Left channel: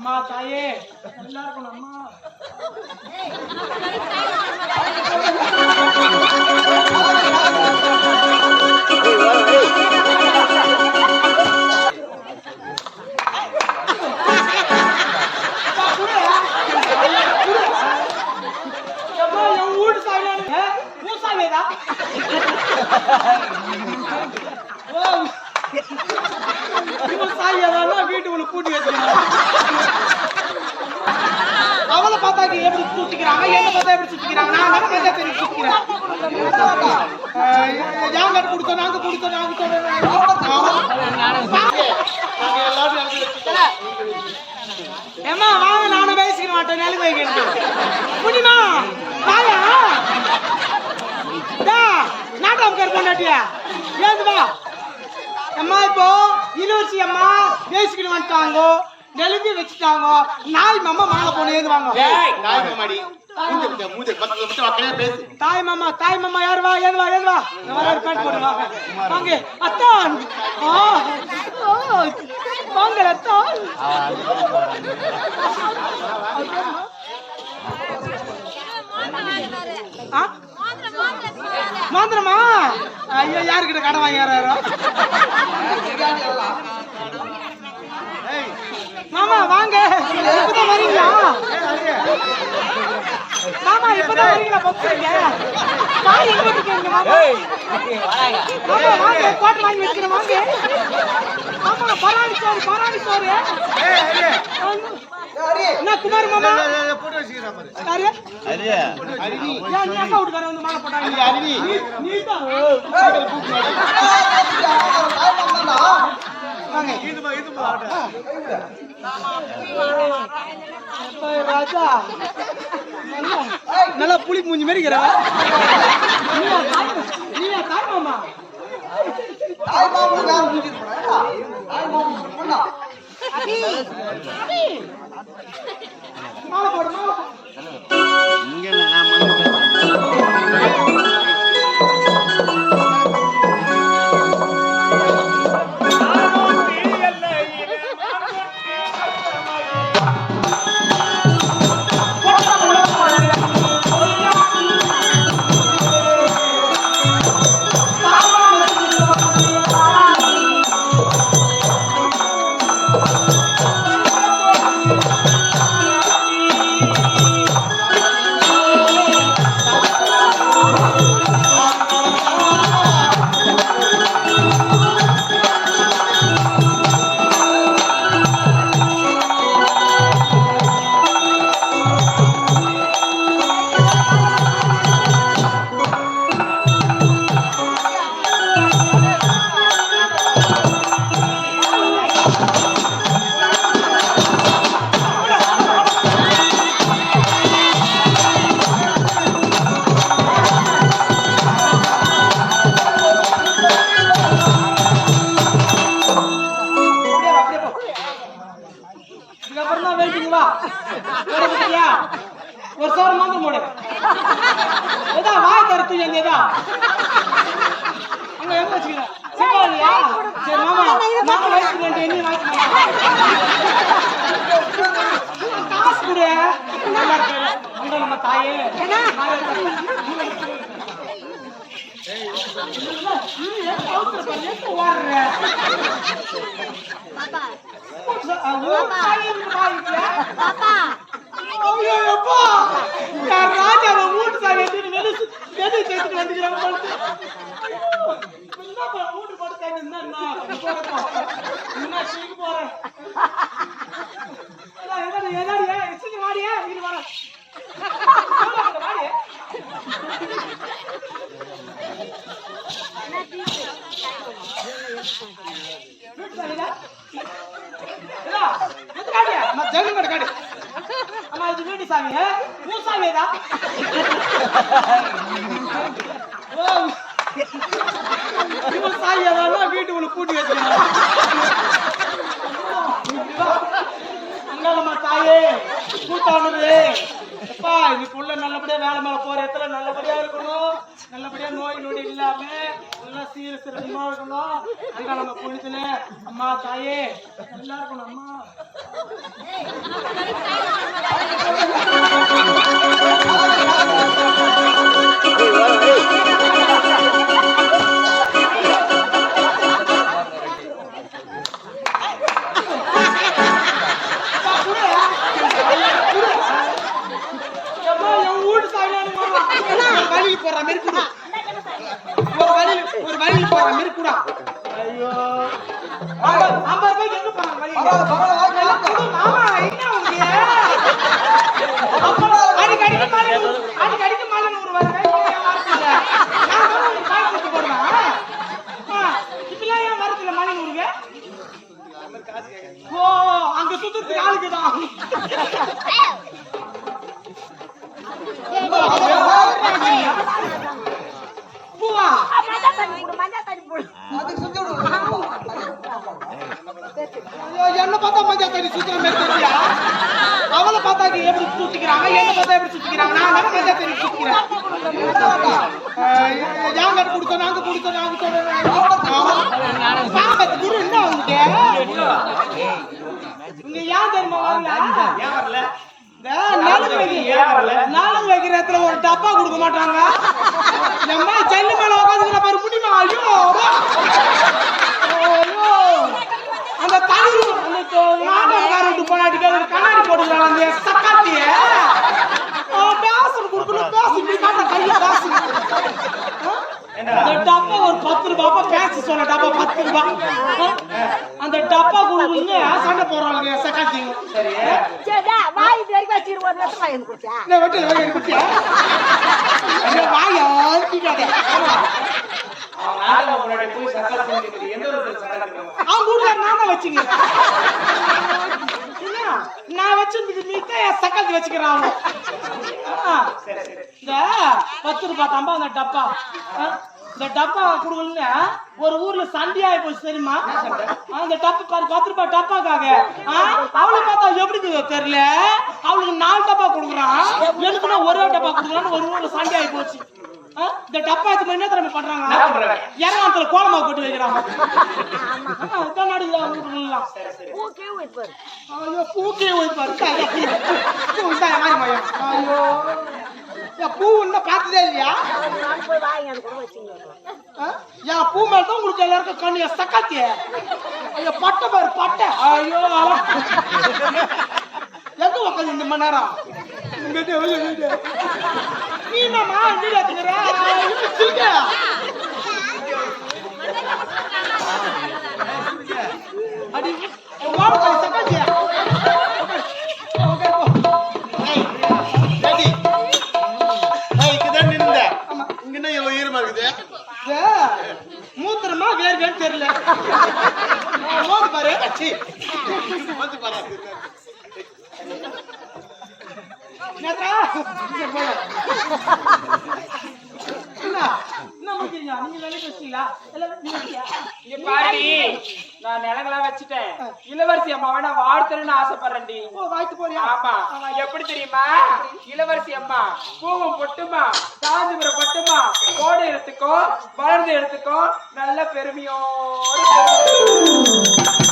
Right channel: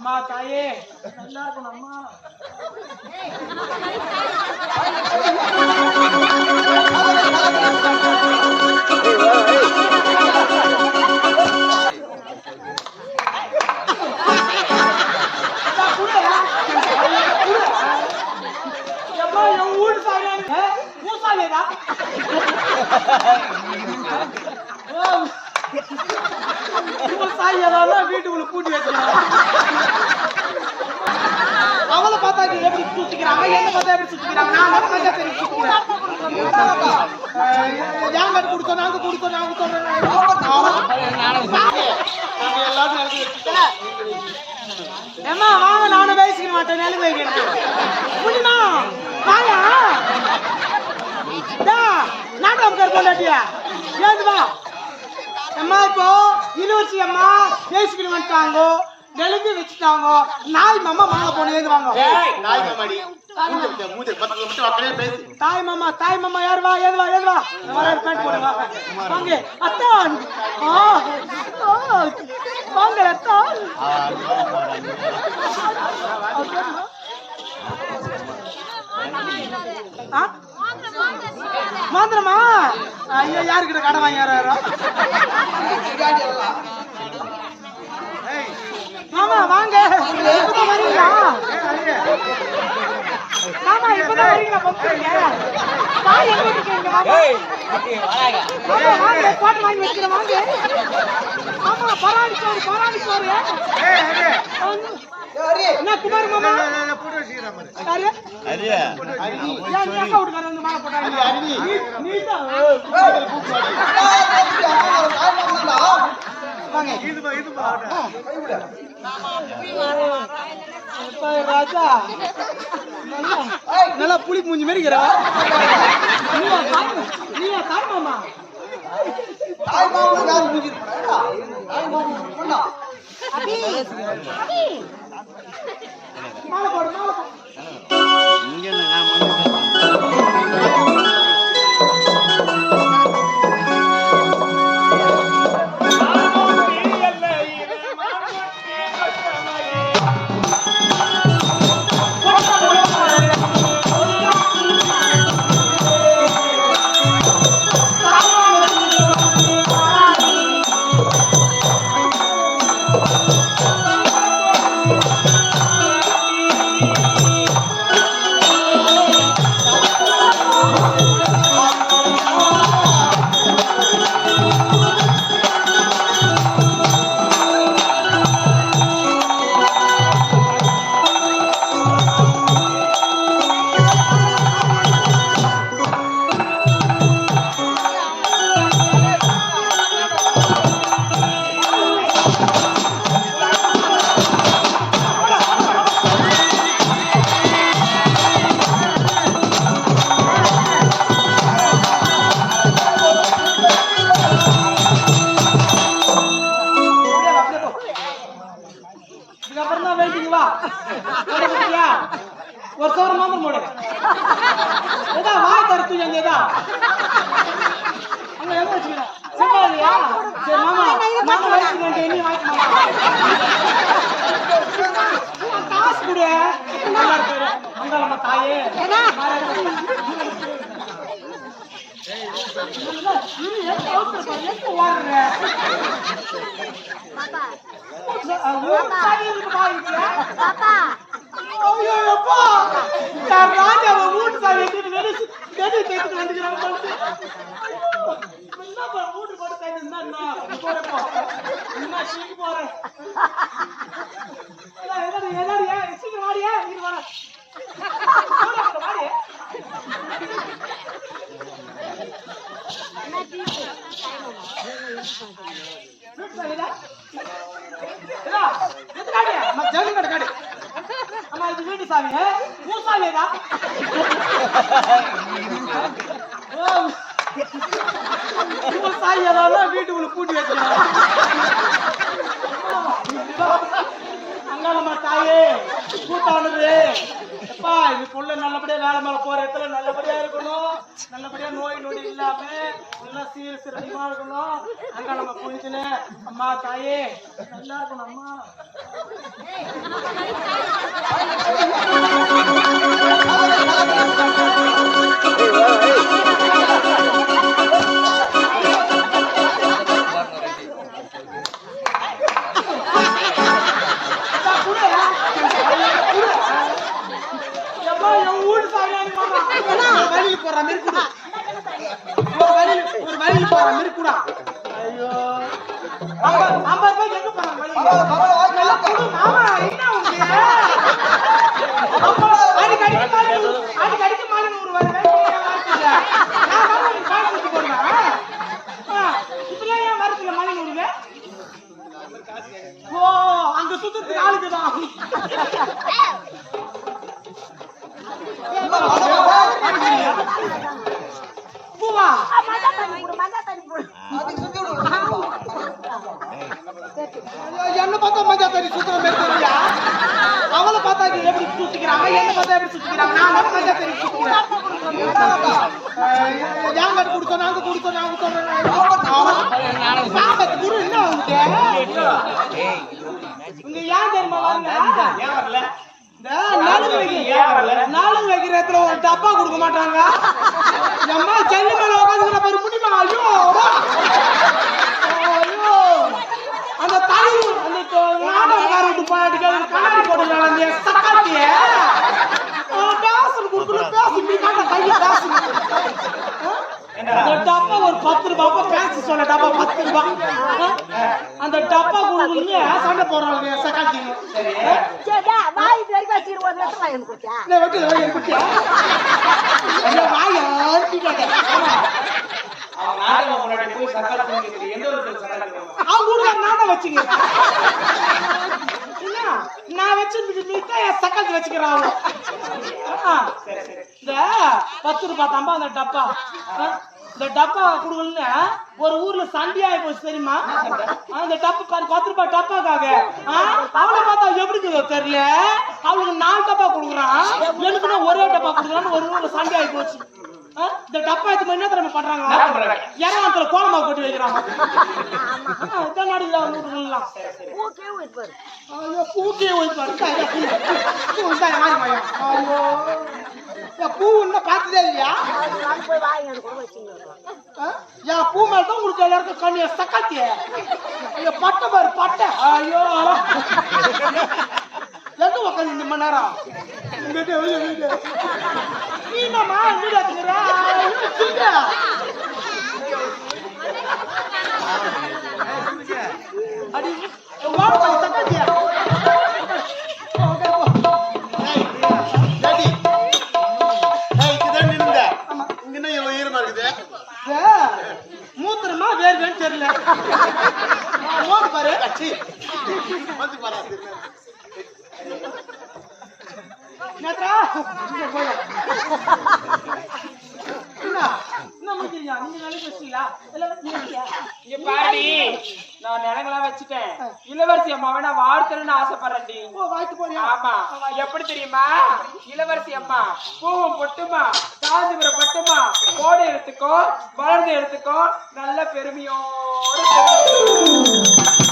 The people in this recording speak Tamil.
அம்மா தாயே. நல்லா இருக்கணும் அம்மா. அப்பா, ஓ. இவன் சாய் எல்லாம் வீட்டுக்குள்ள கூட்டி வச்சுக்கிறான் அவளை பார்த்தா எப்படி சுத்திக்கிறாங்க என்ன பார்த்தா எப்படி சுத்திக்கிறாங்க நான் என்ன பார்த்தா சுத்திக்கிறேன் யாங்க கொடுத்தோம் நாங்க கொடுத்தோம் நாங்க சொல்றேன் நாங்க எல்லாத்தையும் ஏமா வாங்க நானும் பேசிக்க மாட்டேன். நெல் வைக்கிறது முடியுமா வாங்க. நாட்டம் பொண்டாட்டியா ஏது அம்மா இப்போ யூனிவர்சிட்டி அம்மா பேசிக்கிட்டு வந்துட்டாங்க. நெலுங்கி வச்சுட்டாங்க. நாய் மாமா வாங்க போன ஏது வாங்க நாய் மாமாடி. தாய் மாமா தாய் மாமா யார் வா ஏது வா ஏது வா. இந்த வர பேண்ட் போடு வா வாங்க. அத்தான். வாங்க அத்தான். ஆ? ஐயோ யாருக்கிட்ட கடன் வாங்கி யாரோ மாமா வாங்க. இப்பதான் வரீங்களா? மாமா இப்பதான் வரீங்களா? காய் எங்க இருக்கீங்க? வாங்க, போட்டு வாங்கி வச்சுக்கிறேன், வாங்க. மாமா, பரவாயில்லை சார், பரவாயில்லை சார். என்ன குமார் மாமா? ஏன் நீ வந்து போட்டாங்க? நீ- நீதான். வாங்க. எப்பா, ராஜா. நல்லா நல்லா புளி மூஞ்சி மாதிரி இருக்கிற நீயா தாய் நீயா தாய் மாமா? அபி அபி. மாலை போடு மாலை போடு அப்படியே முடியா ஒரு சோறு மாத்திரம் போடு. ஏதா வாய் எங்க ஏதா? அங்க எங்க வச்சுக்கிறேன் சரி மாமா மாமா வாங்கி மாமா நான் காசு கொடு. நல்லா இருக்கு. அங்க நம்ம தாயே. ஓடுற. ஐயோ, அப்பா. ராஜாவை வீட்டு சாவி எடுத்துட்டு வந்துக்கிறாங்க என்னப்பா, வீட்டு போட்டு சாவி இருந்தா என்ன? நீ போடு, என்ன, சீக்கு போறேன். எதாடி, எதாடி, சீக்கிரம் வாடியே, வரேன். காடு. அம்மா இது வீட்டு சாமி. உன் சாமியதா ஓ இவன் சாமி அதான் வீட்டுக்குள்ள கூட்டி வச்சுக்கணும் அங்காளம்மா தாயே கூட்டானது எப்பா இது புள்ள நல்லபடியா வேலை மேல போற இடத்துல நல்லபடியா இருக்கணும். நல்லபடியா நோய் நொடி இல்லாம நல்லா சில அம்மா இருக்கணும் அங்க நம்ம புரிஞ்சுன்னு அம்மா தாயே நல்லா இருக்கணும் அம்மா. போற மாதிரி ஒரு வழியில் போற மாதிரி கூட ஐயோ. ஐம்பது ஐம்பது ரூபாய்க்கு எங்க போறாங்க வழியில? மாமா. என்ன உங்க? அடிக்கு அடிக்கு மாலை அடிக்கு அடிக்கு மாலை நூறு வருவேன் ஏன் வரத்துல நான் தான் உங்களுக்கு காசு கொடுத்து போடுவேன். ஆளுக்கு தான் பூவா ஐயோ, என்ன பார்த்தா மஞ்சா தண்ணி சுத்துற மாதிரி தெரியா அவளை பார்த்தா எப்படி சுத்திக்கிறாங்க? என்ன பார்த்தா எப்படி சுத்திக்கிறாங்க? நான் தான் மஞ்சா தண்ணி சுத்திக்கிறேன்? யாங்க குடிச்சோம் நாங்க குடிச்சோம் நாங்க சாபத்து குரு என்ன உங்களுக்கு இங்க ஏன் தெரியுமா வரல ஏன் வரல? இந்த நலுங்கு வைக்கிற நலுங்கு வைக்கிற இடத்துல ஒரு டப்பா கொடுக்க மாட்டாங்க. எம்மா ஜல்லி மேல உட்காந்துக்கிற பாரு முடியுமா ஐயோ ஐயோ. அந்த தனி அந்த நாடகக்காரட்டு போனாட்டிக்கு அது கண்ணாடி போட்டுக்கிறாங்க அந்த சக்காத்திய. பேசல் கொடுக்கணும் பேசு காட்ட கையை பேசு இந்த டப்பா ஒரு பத்து ரூபாய் பேசி சொன்ன டப்பா பத்து ரூபாய் அந்த டப்பா கொடுக்கணும்னு சண்டை போடுறாங்க சக்காத்திங்க வாய் குட்டியா ஐயோ வாய் பண்ணுவான் அவன் கூட நான் தான் வச்சுங்க நான் வச்சிருந்தது தான் என் சக்கத்து வச்சுக்கிறான். இந்த பத்து ரூபாய் தம்பா அந்த டப்பா? இந்த டப்பா கொடுக்கலன்னு ஒரு ஊர்ல சண்டையாயி போச்சு தெரியுமா ஆ, இந்த டப்பா பாரு பத்து ரூபாய் டப்பாக்காக? அவளை பார்த்தா எப்படி இருக்குதோ தெரியல அவளுக்கு நாலு டப்பா கொடுக்குறான் எனக்குன்னா ஒரே டப்பா கொடுக்குறான்னு ஒரு ஊர்ல சண்டையாயி போச்சு? இந்த டப்பா எடுத்து என்ன திறமை பண்றாங்க இறவாத்துல கோலமா கொட்டி வைக்கிறாங்க இதான் நடக்குது அவங்க வீட்டுலாம் பூக்கே போய் பாரு இந்தா, இந்தா, பூ பூ இந்தா மாறி மாயா ஐயோ பூ இன்னும் பார்த்ததே இல்லையா? என் பூ மேல தான் உங்களுக்கு எல்லாருக்கும் கண்ணிய சக்காத்தி ஐயோ பட்டை பாரு பட்டை. ஐயோ அவா. எங்க உக்காந்து இந்த மணி நேரம்? இங்கிட்டு, இங்கிட்டு, இங்கிட்டு. நீ என்னம்மா நீ என்னன்னு தெரியல. பாரு. பாரு. என்ன? என்ன முடிக்கிறீங்க நீங்க வேலை பேசுறீங்களா எல்லாம் நீங்க நான் நிலங்களாம் வச்சுட்டேன். இளவரசி அம்மாவை நான் வாழ்த்தணும்னு ஆசைப்படுறேன்டி. வாய்க்கு போறியா? ஆமா. எப்படி தெரியுமா? இளவரசி அம்மா பூவும் பொட்டுமா காஞ்சிபுரம் பட்டுமா கோடை எடுத்துக்கோ வளர்ந்து எடுத்துக்கோ நல்ல பெருமையோடு பெருமை.